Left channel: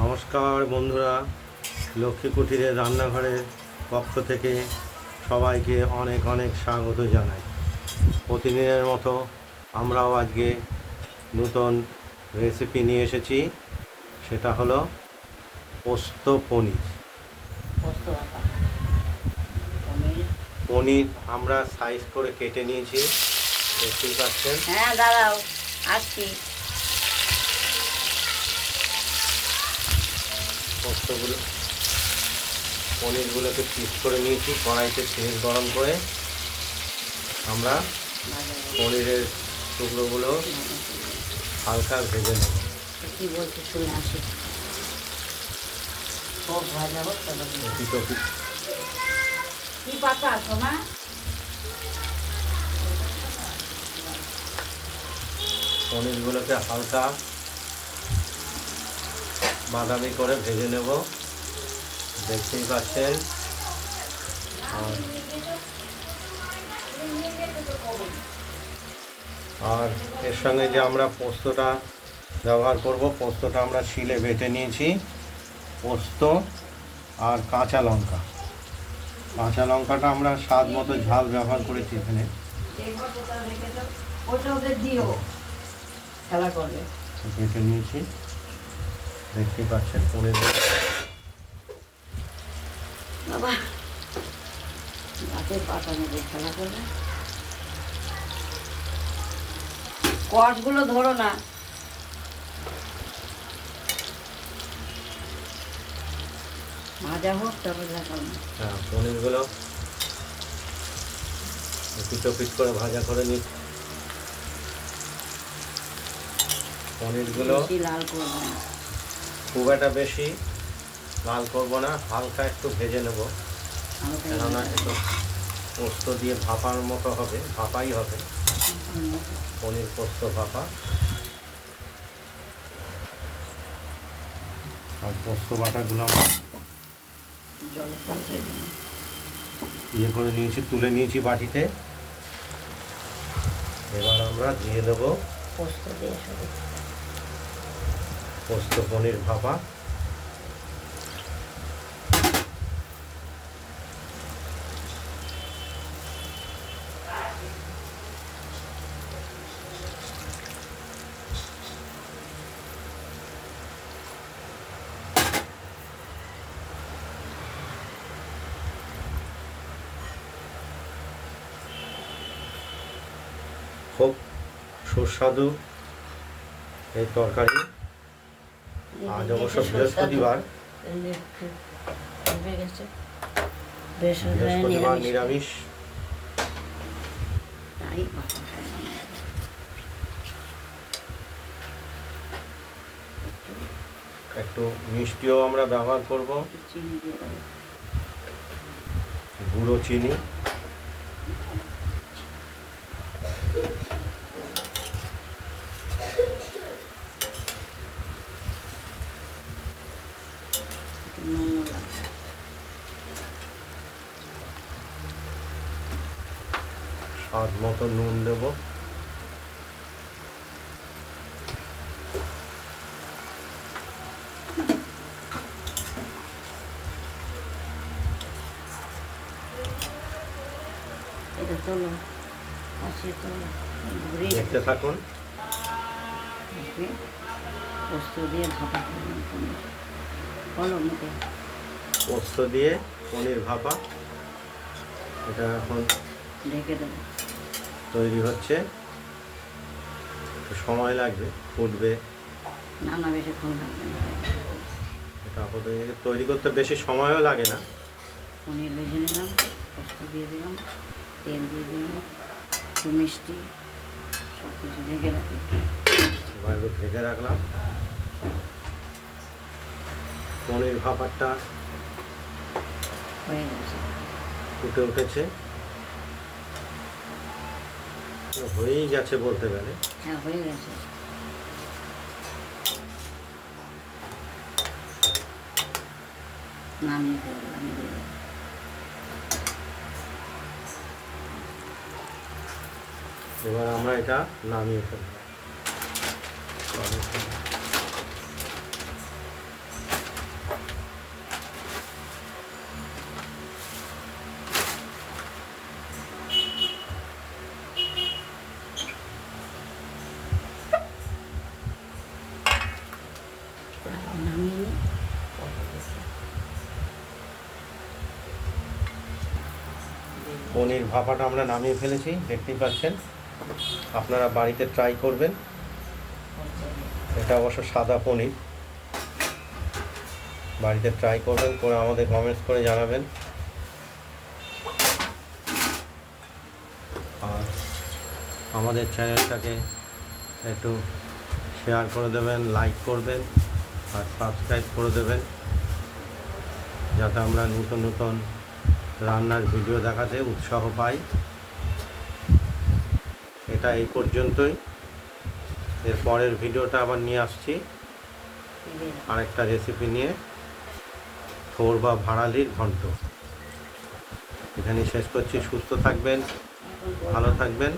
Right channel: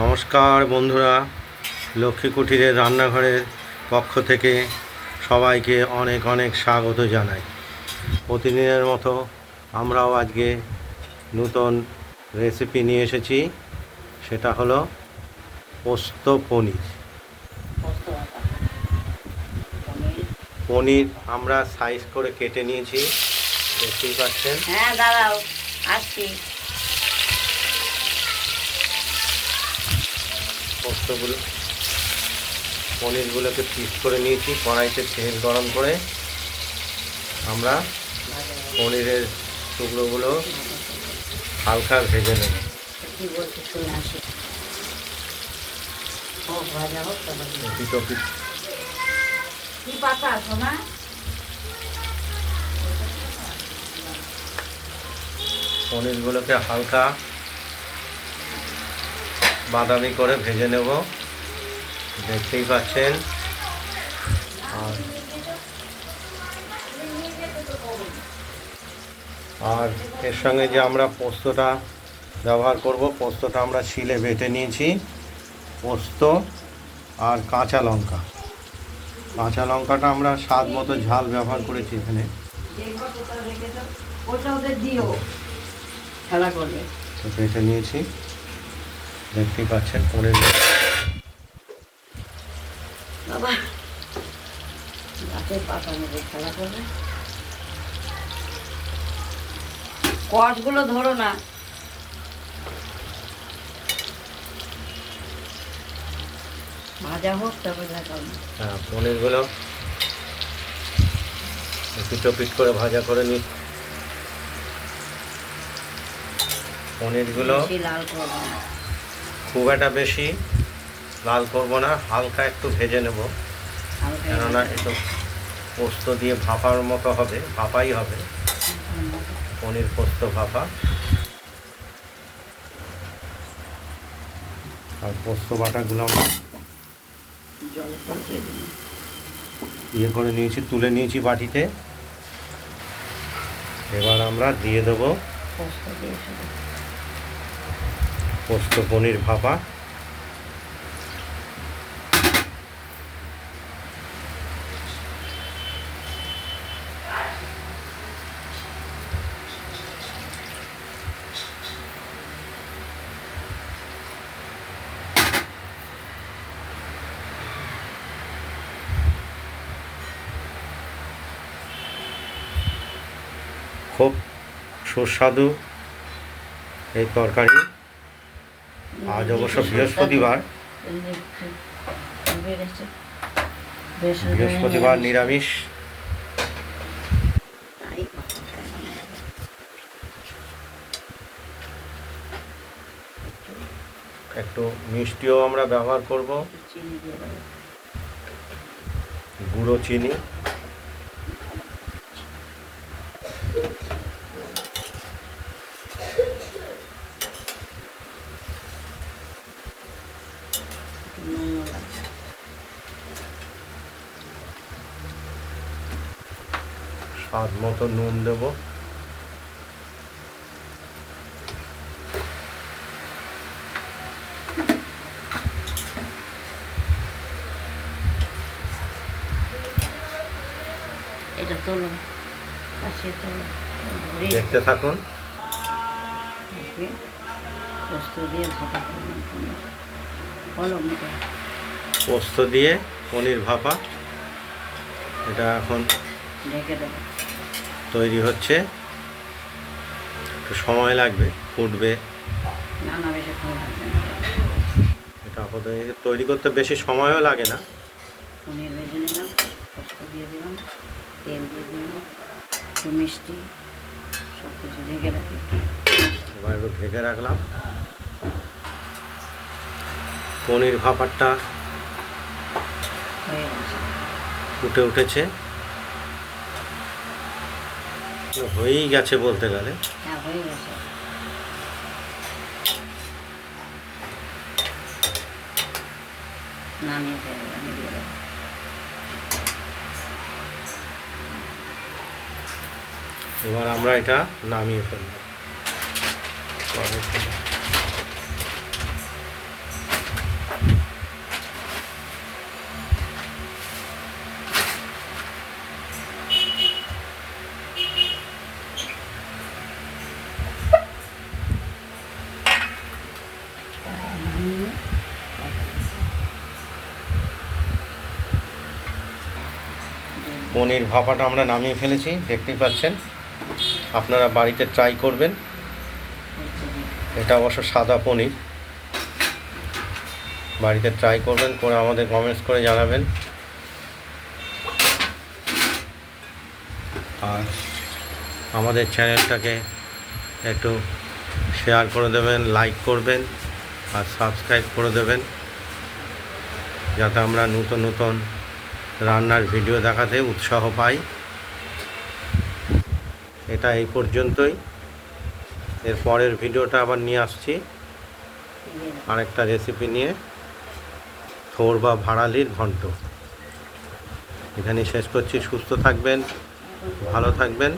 নমস্কার বন্ধুরা লক্ষ্মী কুটিরের রান্নাঘরের পক্ষ থেকে সবাইকে অনেক অনেক স্বাগত জানাই। প্রতিদিনের মতো আমরাও আজকে নূতন রেসিপি নিয়ে এসেছি সেটা হলো পোস্ত পনির। পনির। পনির আমরা সাইজ করে কেটে নিয়েছি দেখতেই পাচ্ছেন হ্যাঁ দাঁড়াও আসছি। পোস্তগুলো পনিরগুলোকে পিস করে নিয়েছি কড়াইতে তেল গরম করে আমরা পনিরের টুকরোগুলো হালকা ভেজে নেব। দুটো পিস কি পাতা পনিরগুলোকে হালকা বাদামি করে ভেজে নেব। দেখতেই পাচ্ছেন। আর এর সঙ্গে যে আমরা পোস্তটা ব্যবহার করব পোস্তটা আমরা শিলে বেটে নিয়েছি। পোস্ত আর কাঁচা লঙ্কা। কাঁচা লঙ্কাটা আমরা স্বাদ মতো ঝাল ব্যবহার করেছি এখানে। ওটা ওদের দিও খেলা করবে। বেটে নিয়েছি। দেখতেই পাচ্ছেন পনির বাবা খেলা করবে? কষগুলো ধরো না। ভাজা হোক তারপর হ্যাঁ পনিরগুলো পিটো পিট করে ভাজা করে নিই পনিরগুলো লাল করব না। খুব একটা বেশি লাল করব না হালকা একটু ভেজে নেব। কেননা একটু পোস্ত দিয়ে ভাপার মতো হবে ভাপাই হবে। পনির পোস্ত ভাপা। আর পোস্ত বাটাগুলো আমরা ইয়ে করে নিয়েছি তুলে নিয়েছি বাটিতে। এবার আমরা দিয়ে দেবো পোস্ত দিয়ে পোস্ত পনির ভাপা। খুব সুস্বাদু এই তরকারি। আজ অবশ্য বৃহস্পতিবার। বৃহস্পতিবার নিরামিষ। একটু মিষ্টিও আমরা ব্যবহার করব। গুঁড়ো চিনি। স্বাদ মতো নুন দেবো। এটা তোলো। কাশিয়ে তোলো। দেখতে থাকুন। পোস্ত দিয়ে ভাপা পোস্ত দিয়ে পনির ভাপা। এটা এখন ঢেকে দেবে তৈরি হচ্ছে। একটু সময় লাগবে ফুটবে। এটা তৈরি করতে বেশি সময়ও লাগে না। দিয়ে দিলাম তেল দিয়ে দিলাম একটু মিষ্টি সব কিছু ঢেকে রাখি ঢেকে রাখলাম। পনির ভাপারটা ফুটে উঠেছে। হয়েই গেছে বলতে গেলে। হ্যাঁ হয়ে গেছে। নামিয়ে ফেলব এবার আমরা এটা নামিয়ে ফেলব। পনির ভাপাটা আমরা নামিয়ে ফেলেছি, দেখতেই পাচ্ছেন। আপনারা বাড়িতে ট্রাই করবেন। এটা অবশ্য সাদা পনির। বাড়িতে ট্রাই করবেন, করে আমাদের কমেন্টস করে জানাবেন। আর আমাদের চ্যানেলটাকে একটু শেয়ার করে দেবেন লাইক করবেন। আর সাবস্ক্রাইব করে দেবেন। যাতে আমরা নতুন নতুন রান্নার ভিডিও দেখাতে উৎসাহ পাই। এটা এই পর্যন্তই। এর পরের ভিডিওটা আবার নিয়ে আসছি। আরেকটা রেসিপি নিয়ে। থোর বা ভাড়ালির ঘন্ট। এখানে শেষ করছি। সুস্থ থাকবেন, ভালো থাকবেন।